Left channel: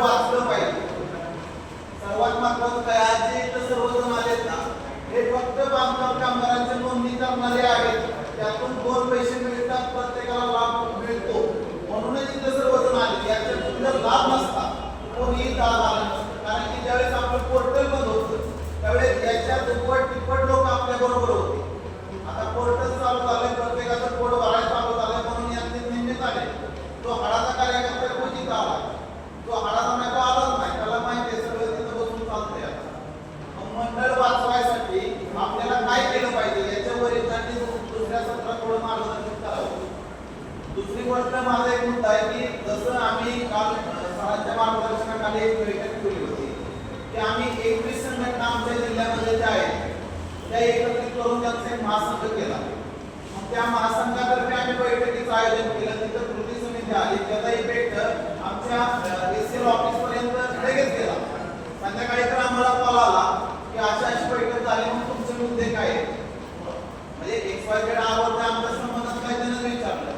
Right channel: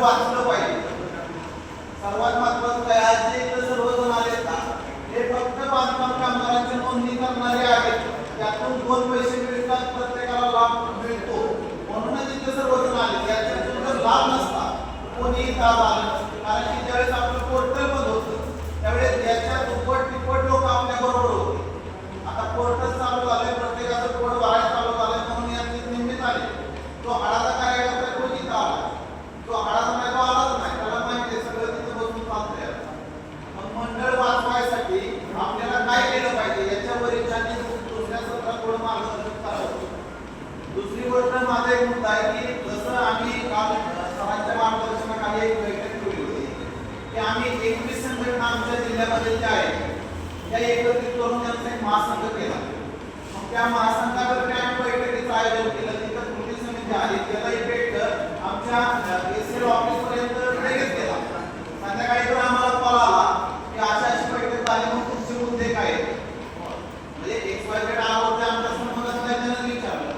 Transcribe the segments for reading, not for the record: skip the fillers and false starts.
वाचलं पाहिजे. सर्वात महत्त्वाचं काय आज जे इथं सर्वजण आलेत ना हे फक्त बांधकाम कामगारांची नोंदणी करणारे आहेत. त्यातून 2 पैसे मिळतात, प्रत्येकाला लाभ मिळतो म्हणूनच इथं सर्वजण आले. याच्यातून जर लाभ नसता कोणीही लाभ आला नसतं. कारण की ज्यावेळेस आपलं पोर्टल बंद होतं त्यावेळेस याच्या दुप्पट तिप्पट लोक आपल्या बरोबर होते. आता पोर्टल चालू झालंय, प्रत्येकाचं पोट भरायला चालू झालंय म्हणून यांचे निमित्त आले. जो हाडाचा कार्यकर्ता तो तिथं आला, जो हाडाचा नाही तो आलाच नाही. त्याला माहिती आहे सगळं तिथं बसून चालतंय. मग मंडळ वाचवायसाठी आपल्याला काय केलं पाहिजे याच्यावर त्यांनी दुसऱ्या सत्रात थोडं मार्गदर्शन करावं. दुसरी गोष्ट माझा एक मुद्दा आहे की जसं आम्ही काल सरांच्या मार्गदर्शनाखाली एक बैठक ठेवली होती की आम्ही 21 संघटना आमच्या जिल्ह्यामध्ये ज्या आहेत त्या एकत्रित करून त्यांचा एक महासंघ केला. मग त्या महासंघातर्फे आम्ही बैठकीचं आयोजन केलं. तिथं कृती समिती आली, त्याचा इफेक्ट आमच्या एसएल ऑफिस पर्यंत लगेच केला. संध्याकाळी तर आम्हाला कॉल आला की अशी बैठक झाली, मग तुमचे मुद्दे काय आहेत. म्हणजे XYZ आवर आमच्या संबंधात काय त्यांना विचारलं.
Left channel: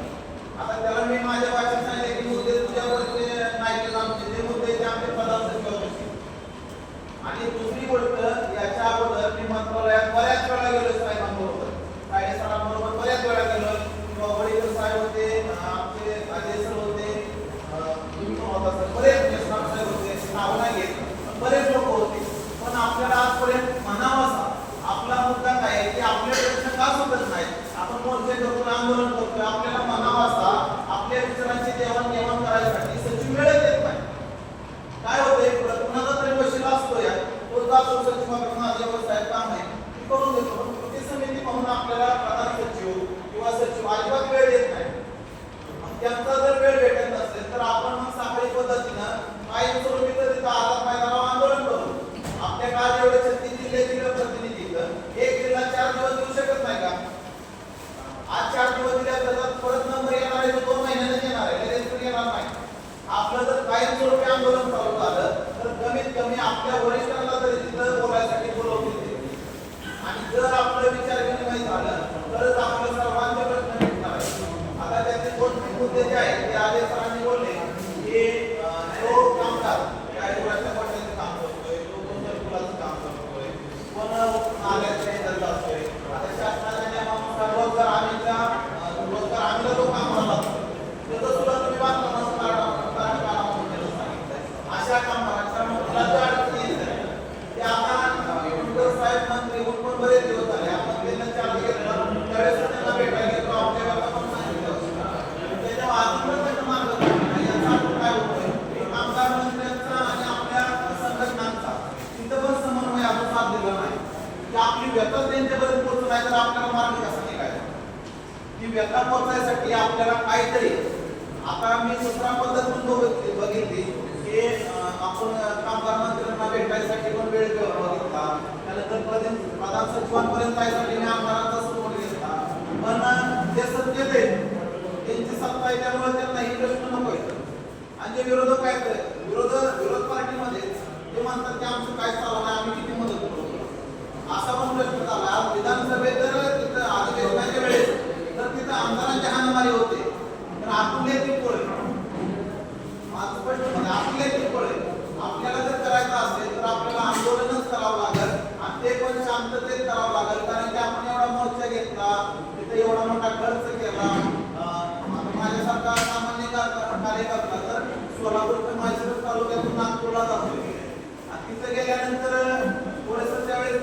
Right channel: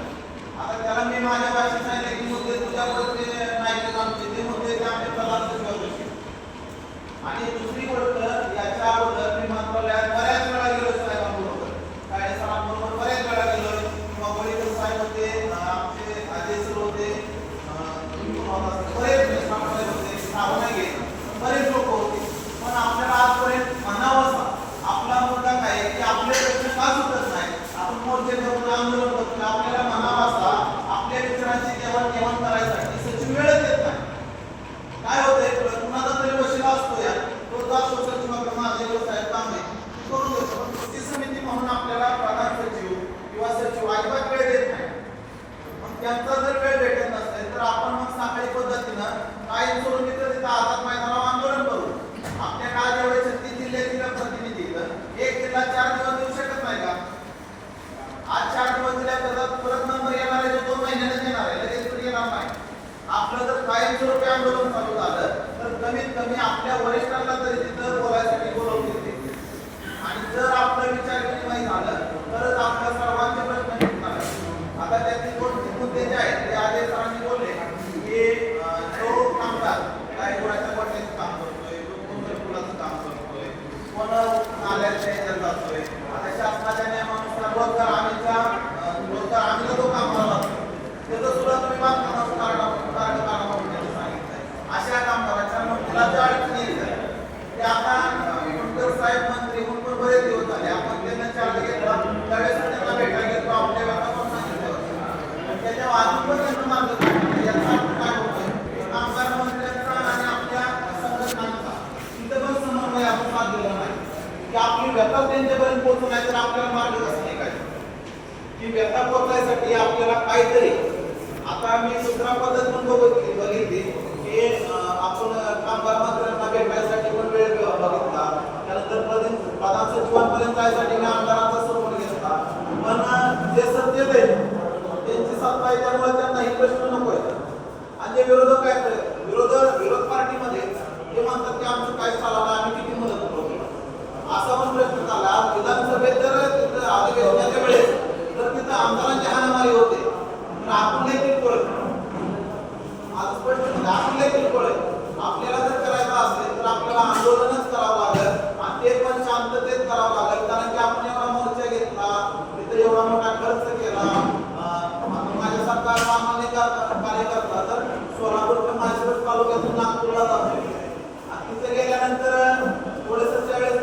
आता त्याला मी माझ्या भाषेत सांगितलं की मुद्दे तुझ्यावरती नाही, आमचे ते मुद्दे ते आमचे प्रधान सचिव बसले. आणि दुसरी गोष्ट याच्या अगोदर मी मंत्रालयात बऱ्याच वेळा गेलो साहेबांबरोबर, काळे सरांबरोबर बऱ्याच वेळा गेलो किंवा वडील साहेब होते, आमचे अजय सर होते, तुम्ही पण होता सर, बरेच साहेब होते, नाव नाही घेत, बरेच लोक होते. पण आपल्याला आजपर्यंत म्हणावं आपला मुद्दा काय आहे की आपले प्रश्न का सुटत नाही. आपण मोर्चे करतो, आंदोलन करतो, आपल्याला म्हणावा असा आपल्या मित्रांची देवाणघेवाण करायसाठी सचिव वेळच देत नाही. काय होतंय कुणाचा तरी बसलेला असतो या तो जातो सचिवाकडे माझे साहेब काम आहे करून देतो. पण कृती समिती म्हणून आपल्याला प्रधान सचिव किंवा सचिव अजिबात वेळ देत नाही. मग त्यांचा जर वेळ भेटत नसेल तर आपण मग साखळी पद्धतीनं काही स्वरूपी तिथं आझाद मैदानावर आंदोलन करू. आपल्या काळ जेवढे 36 जिल्ह्यातील प्रतिनिधी एक जिल्हा 4 दिवस देऊ शकत नाही का. आज 4 दिवस दिल्या परत नंबर येणार आहे 2 महिन्यातच येणार आहे, लगेच तर येणार नाही. आपलं जर कायमस्वरूपी आंदोलन चालू झालं तर कमीत कमी आपल्या वरिष्ठांना तरी तिथं बोलायसाठी बोलवते. आणि जर आपलं विचार विनिमय झालं तरच आपल्या सर्वांचे प्रश्न मिटणार आहेत. आता त्याचे 2 मुद्दे जे आहेत ते आधी सरांनी बोलले की जो कामगार काय कोणाच्या पट्ट्याचं काम करतोय, जो कोणत्या फुलाचं काम करतोय, कोण नाल्याच्या ह्याच्यात जातोय. आता शासनाच्या नियमानुसार रोजगार हमीला जो कामाला लागतो त्याचं सुद्धा तुम्ही बांधकामाचं कारण सांगितलं. अशा कामगारांच्या मुलाच्या अडचणी येतात ते आता साहेब मंत्री म्हणून पण बरेच दिवस झाले. आपण त्यांना चार्ज घेतला त्यावेळेस त्यांना भेटायला गेलो, आपल्या गटा पण सांगितलं त्याच्या अजून पण त्यांना मार्गदर्शन याचा अर्थ काय होतोय कामगार मंत्र्यांचा आणि आपल्या संघटनांचा तिथं पण समन्वय अजून साधलेला नाही की आपली व्यथा त्यांच्यापर्यंत पोहोचू नाही तर आपल्याला मार्ग कसा निघायचा. ही व्यथा पोहोचण्यासाठी आपल्याला काहीतरी आता मी दुसरा पद्धत म्हणून बघितली की आपण कामगार मंत्र्यांना भेटायसाठी पण वेळ बघितला, त्यानंतर प्रधान सचिवांपर्यंत जायसाठी मी आमदारांचा सपोर्ट घेतला. पण जे सत्तेत आहेत त्यांची सत्ता आहे त्यामुळे त्यांना हे प्रश्न नको आहेत. आणि जे विरोधक आहेत विरोध पार्टीमध्ये ते म्हणतात की आमचं काय चाललं नाही, आम्ही किती मदत करतो असा पण प्रश्न झाला. आज विधानसभेत जर तिथं अधिवेशनाच्या वेळेस तर तिथं आमदारांची हाणामारी होते पण आपण देखील कळत आज स्पष्ट म्हणजे आपण देखील कळत. आपल्याला जर करायचं असेल तर आपल्याला आंदोलनच करावं लागेल आणि ते पण शांततेत करावं लागेल. कारण की आपण एवढा मोर्चा घेतला, तिथे एवढा मोठा खर्च केला. माझ्यासारखा सामान्य कार्यकर्ता तर सोलापूर ते म्हैसूर तालुक्यातून नागपूरला जातो आणि तिथे गेल्यानंतर थोडंसं त्यावेळेस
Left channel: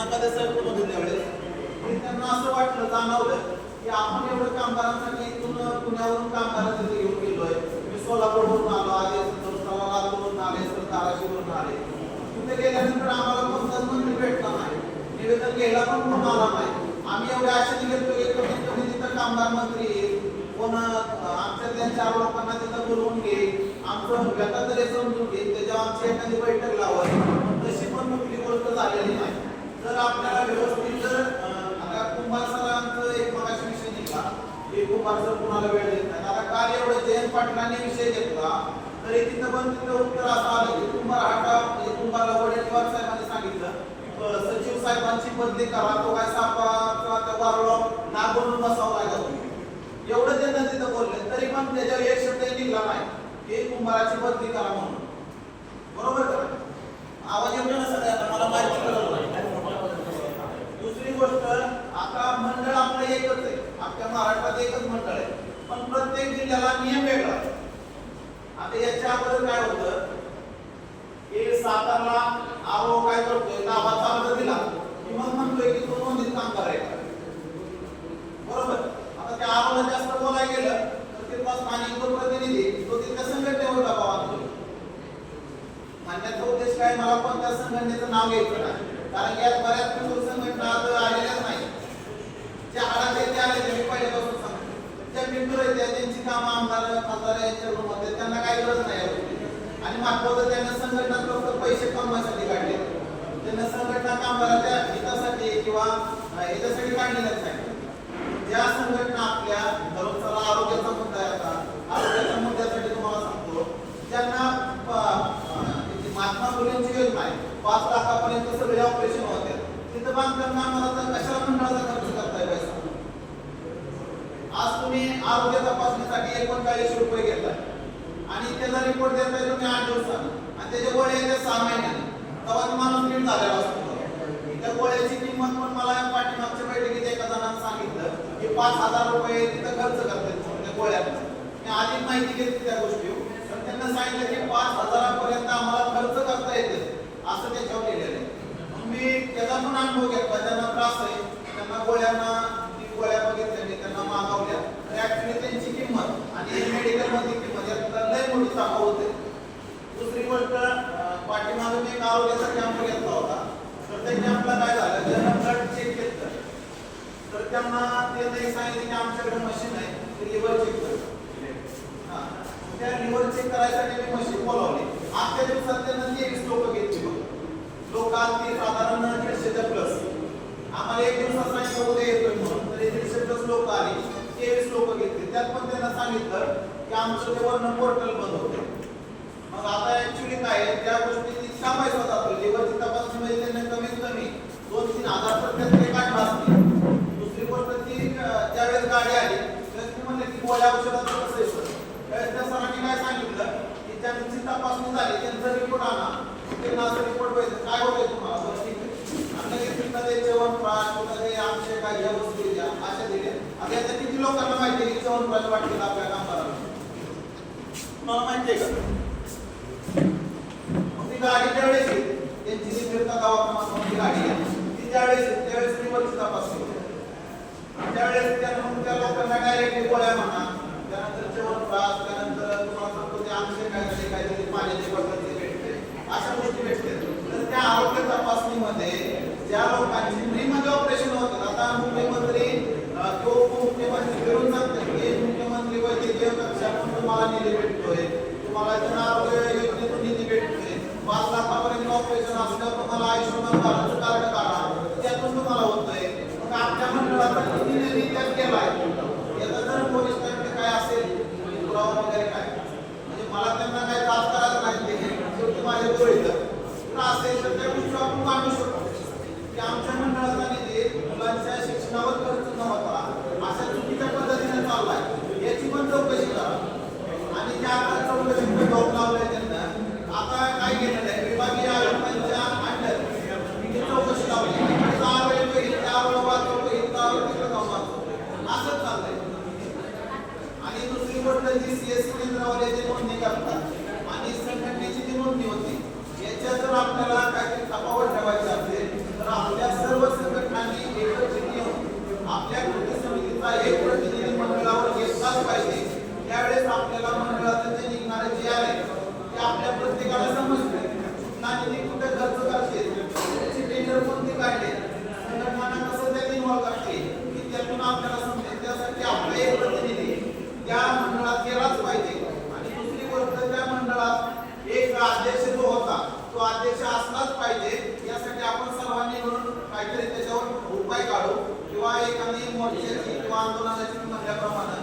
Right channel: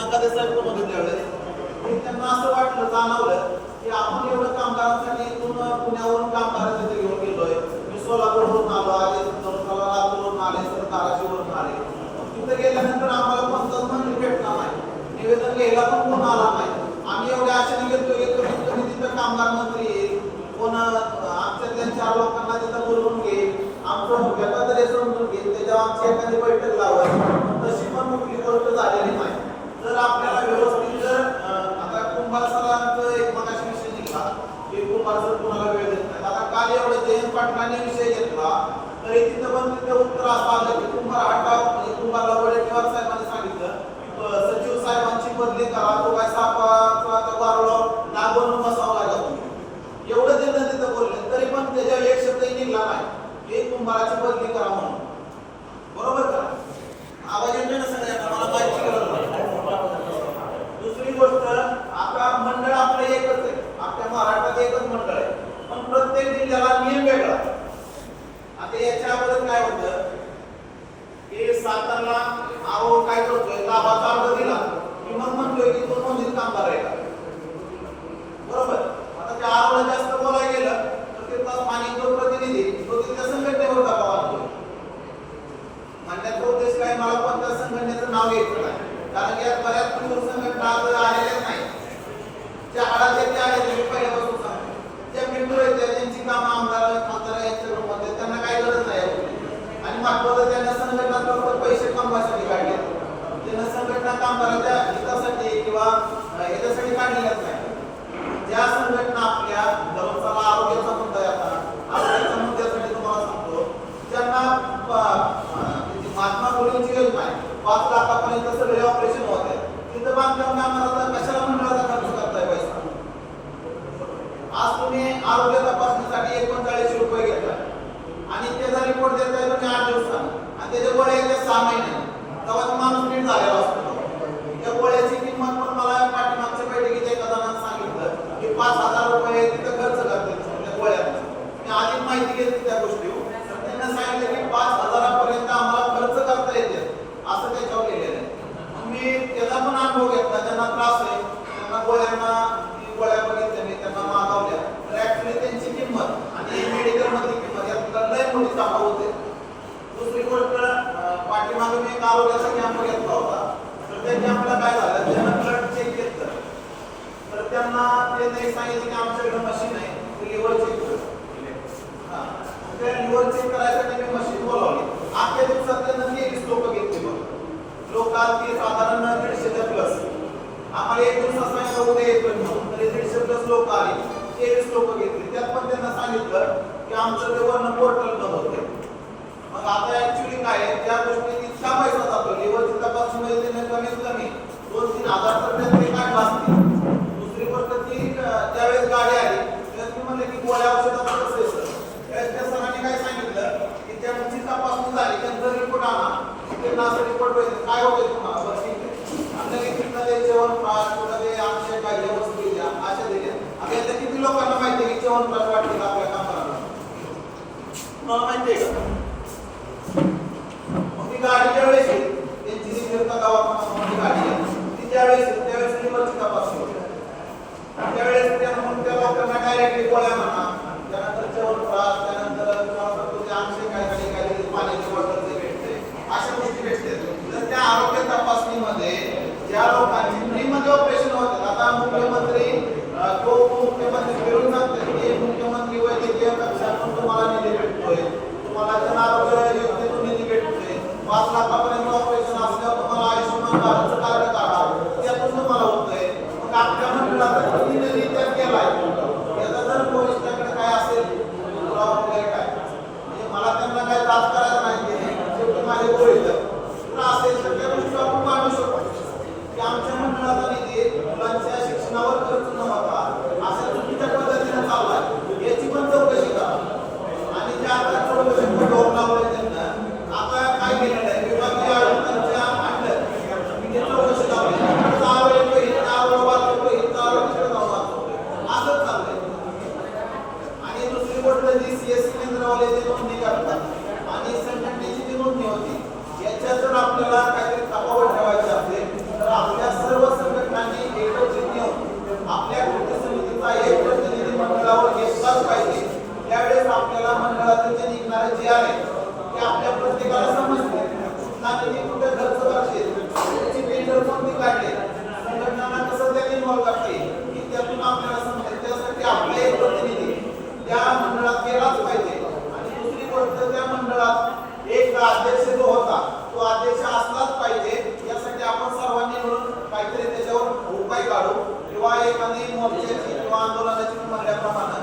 नकादेसाहेब बघितल्या वेळेस त्यांना असं वाटलं जाणवलं की आपण एवढं कामगारांसाठी इथून पुण्यावरून कामगारांसाठी घेऊन गेलोय. मी सोलापूरवरून आलो, आले लातूरवरून आले, तर धाराशिववरून आले. तिथे गेल्यानंतर आम्हाला कोणताच मंत्री भेटला नाही, निवेदन घ्यायला पण कोण आला नाही. आम्ही एवढ्या आशेने गेलो की कमीत कमी तिथं कामगार मंत्री येईल, कोण आमच्यातल्या 4 लोकांना तिथं बोलवून घेईल, आमचं व्यथा तरी समजून घेईल, त्याच्यावर आमची एखादी बैठक लावत. तशी पण कुठली गोष्ट झालेली नाही. जर आपल्याला व्यवस्थित जर आता कुंभार सरांचं एक मगाशी विषय निघाला की कुंभार सर कोणाला वेळ देत नाही. आता काल एवढं जयंत पाटलांनी विषय घेतला तरी तिथं उत्तर असं आलं की कुंभार म्हणजे कुंभारला वडेट्टीवार साहेबांनी सांगितलं सचिव साहेबांची बदली करा, तो काय सापा किंवा त्या वारळावर नाग बनवून बसावा लागला. एवढं त्यांना तिथं बोलले तरी पण त्याच्यावर एक शब्दही निघाला नाही की कुंभाराची बदली करा म्हणून. नाव घ्यायचं नाही, कारण की यात बऱ्याच मजूर संघटना आलेल्याच नाही. ज्या आडाचे ते आले मी पहिल्यापासून सांगतो, ज्या मेंबर आहेत त्यांची कामं आमदार खासदार यांच्याकडे त्यांना काही गरज नाही. आणि महत्वाचं त्यांना संघटना फक्त पैसे कमवायसाठी काढले, त्यांना संघटना कामगाराच्या हितासाठी किंवा याच्यासाठी काढलेल्याच नाही. ज्या संघटना आपल्या दररोजचा आरोग्याचा मुद्दा येतात, आरोग्याच्या मुद्द्यासाठी तुम्हाला सांगतो, ज्यांना महात्मा फुलेंची योजना आहे, 5 लाखापर्यंत सगळे ऑपरेशन होते, तिथं बांधकाम कामाला कशाला मंडळाचा खर्च करताय पैसा? आज तुम्ही आरोग्य तपासणीसाठी 39 रुपये घेता आणि त्याचा रिपोर्ट देताय तुम्ही 8 दिवसांनी आणि त्याच्या गोळ्या येत्या 6 महिन्यांनी, तेव्हा माणूस नीट झालेला असतो. त्या गोळ्याची किंमत पण मला पाठीमागच्या बैठकीत एका जणांना सांगितलं की 5,000 रुपये तिथं खर्च करते त्या गोळ्यात. मी आधी माहिती घेतली त्या गोष्टी, तर त्यांना सांगितलं की 5,000 पर्यंत आम्हाला खर्च करता येते असं त्याच्यावर लिहिलेलं आहे. मी त्याचा पण अनुभव घेतला, ज्यांना त्रास आहे त्यांना गोळ्यांना गोळ्या बघितल्या मी त्यांना मागवल्या, तर ऍक्च्युली त्यांची किंमत आणि मेडिकल मधली किंमत यात लय मोठी तफावत आहे. दुसरी गोष्ट, पाठीमागे मी एक आरोग्याचा कॅम्प घेतला होता, तर त्या कॅम्पला काय झालं, त्यांना ब्लड चेक केलं, तर त्यांना ते सांगितलं की आमच्याकडे मशीन आहे लिव्हर चेक कर. त्या लिव्हर चेक करायसाठी मी मशीन बोलावली. आजच्या दिवसात त्यांना 23 लोक घेतली. लोक आलती साधारण 150च्या प्लस. आम्हाला एक दिवस सांगितलं उद्या येतोय म्हणून, तर 150 प्लस लोक आली, 23 लोक घेतली. त्यात पण त्यांना सांगितलं की आमचं ते वर्ण पोर्टल बंद होते. मग आता ऍक्च्युली काय आहे, त्या गोष्टीत इतका पैसा जातो, लिव्हरची तपासणी त्यांना कमीत कमी 2-3 हजार तर ते काढला असते. दुसरी गोष्ट ती त्यावेळेस गाडी आली त्यात म्हणले की गोळ्या औषधाचं कसं येतं, त्या सरांनी काय सांगितलं की त्यांची तपासणी झाली, त्यांचा रिपोर्ट आणा, त्यांना असं रिपोर्ट पाहिजे काय होते तुम्हाला, बस ठीक आहे, आमच्या किती ते जेवण पाठ कुठं ते आमच्या काही वस्तू द्या अशा दिल्या. आता याचं किती लोकांना माहिती आहे की जेवण पाठ वाटतील आपल्या कामाला, तुम्हाला माहिती आहे का? गाडी ज्यावेळेस त्यांची सिद्धिर्थ गावात गाडी ती त्यावेळेस लिव्हरची तपासणी होते. त्यावेळेस त्या म्हणून त्या लोकांना डायरेक्टली गोळ्या म्हणा, त्यानंतर जेवण त्रास, त्यानंतर तुम्हाला सांगतो ते आमचे काही पाण्याचे बॉटलचे भेटते, अशा गोष्टी भेटते. तर त्या आरोग्य तपासणीमध्ये ज्या लोकांची फ्रीमध्ये ऑपरेशन होते, आता मुख्यमंत्री तो उपमुख्यमंत्री फिरून सांगतात की मुख्यमंत्री वैद्यकीय कक्षातून तुम्हाला निधी भेटतोय, तुम्हाला जन आरोग्य योजनेतून निधी भेटतोय, 5 लाखापर्यंत ऑपरेशन असल्यावर तुम्हाला आयुष्यमान भारतचं कार्ड काढा, त्यातून तुम्हाला होतंय. मग आपल्या मंडळाचा किती निधी त्यात केलाय, याचा जर वरिष्ठांकडे काय असेल पुरावा वगैरे काय, म्हणजे मला त्यांना काय त्रास करायचा नाही, माझे गोळी तर असेल तर त्या गोष्टी आपण मानू शकतो की आमच्या मंडळाचा निधी मुलांच्या शिक्षणावर खर्च न होता अशा चुकीच्या पद्धतीने चाललाय, याची पण चौकशी करा. आणि त्या चौकशी डोक लावले त्यांना आता काय घेणार आहे, विभागीय आयुक्तांच्या आणलं मी चौकशी लावली, असंच चाललंय. आणि दुसरी गोष्ट जी सीएससी केंद्रावाले जे नोंदणी करतात आणि संघटनेची जी नोंदणी होती, याच्यात जर आपल्याला काहीतरी तफावत ठेवायची असेल तर आपल्या सर्व संघटनांनी एकत्रित येऊन आपल्या कृती समितीचा एक प्रतिनिधी मंडळावर घेतलाच पाहिजे. त्यावेळेस आपल्याला मंडळाचे जे निघणारे जे आहे ते आपल्या प्रत्येकाला समजते, निधी कुठे खर्च करते, त्याची टेंडर कोणती काढले, संघटनांना कसं त्यात इन्व्हॉल्व करते, की त्यातून आपल्याला समजेल. त्यासाठी आपले एक प्रतिनिधी त्या मंडळात गेलाच पाहिजे. आणि दुसरी गोष्ट, त्या मंडळात एक अध्यक्ष जो होता तो अध्यक्ष असलाच पाहिजे. यासाठी आपण सर्वांनी मिळून काहीतरी त्याच्यावर उपाय काढू किंवा एखादी मोर्चाची किंवा आंदोलनाची म्हणल्याप्रमाणे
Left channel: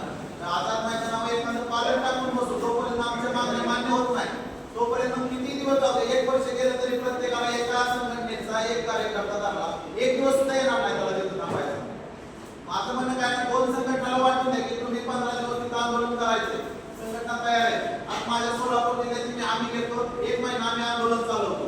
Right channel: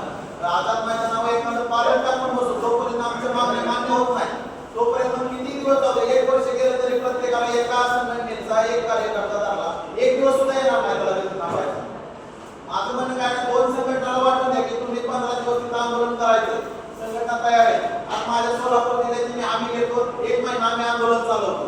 आझाद मैदानावर एखादं पालन टाकून बसू. जोपर्यंत आमच्या मागण्या मान्य होत नाही तोपर्यंत किती दिवस जाऊ, 1 वर्ष गेलं तरी प्रत्येकाला एका संघटनेचा एक कार्यकर्ता धरला 1 दिवस सुद्धा येणार नाही त्याला तिथं थांबायचं. माझं म्हणणं काय नाही, 2 संघटनाला वाटून द्या की तुम्ही 15 दिवस तिथं आंदोलन करायचं, संघटना तयार आहे. आज माझ्या सोलापूर जिल्ह्याची आम्ही घेतो 1 महिना आम्ही आंदोलन चालवतो.